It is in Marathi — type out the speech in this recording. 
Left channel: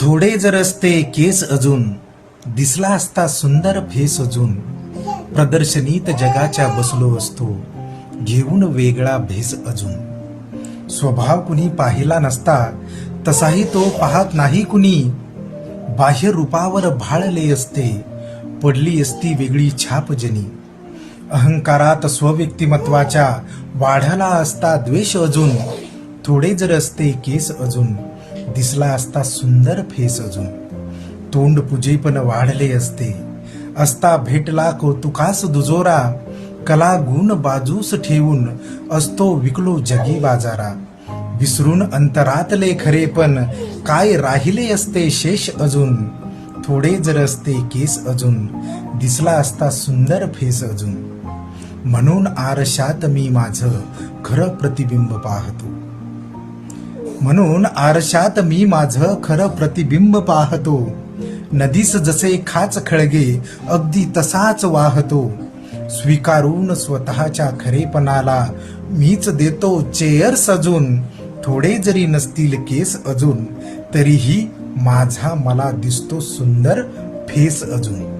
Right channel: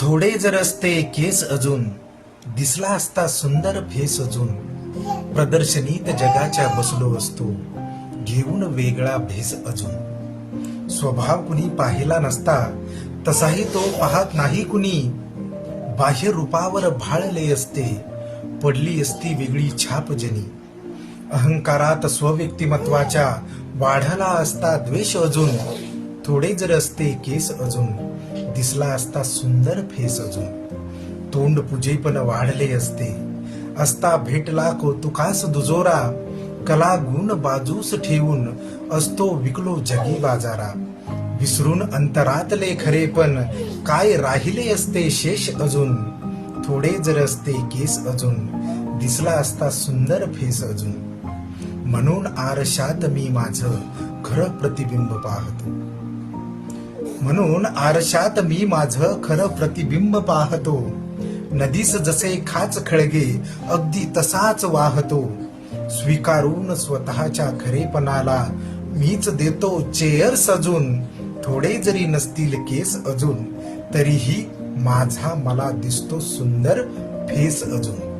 थोडे जर असते केस अजून दिसला असता सुंदर फेस अजून. प्रदर्शनीत जगाच्या बसलो असतो घेऊन वेगळा भेस अजून. स्वभाव कुणी पाहिला नसता तसाही तो पाहत नाही कुणी. बाह्य रूपावर भाळले असते पडली असती वेगळी छाप जनी. अहंकारात स्वव्यक्तिमत्वाच्या वाढला असता द्वेष अजून. थोडेच रस्ते केस अजून दिसला असता सुंदर फेस अजून. तोंड पूजे पण वाढले असते. असता भेटला कौतुकास दुजोरा. कला गुण बाजूस ठेवून असतो विकलो जगी बाजारा. विसरून अंतरातले खरे पण काय राहिले असते शेष अजून? थोडे जर असते केस अजून दिसला असता सुंदर फेस अजून. म्हणून आरशात मी माझं खरं प्रतिबिंब पाहतो. म्हणून आरशात मी माझं खरं प्रतिबिंब पाहतो. नदीस जसे खाच खळगे अगदी तसाच वाहतो. स्वीकारून स्वतःच्या खरेपणाला मीच देतो चेअर सजून. थोडे जरी नसतील केस अजून तरीही माझा मला दिसतो सुंदर फेस अजून.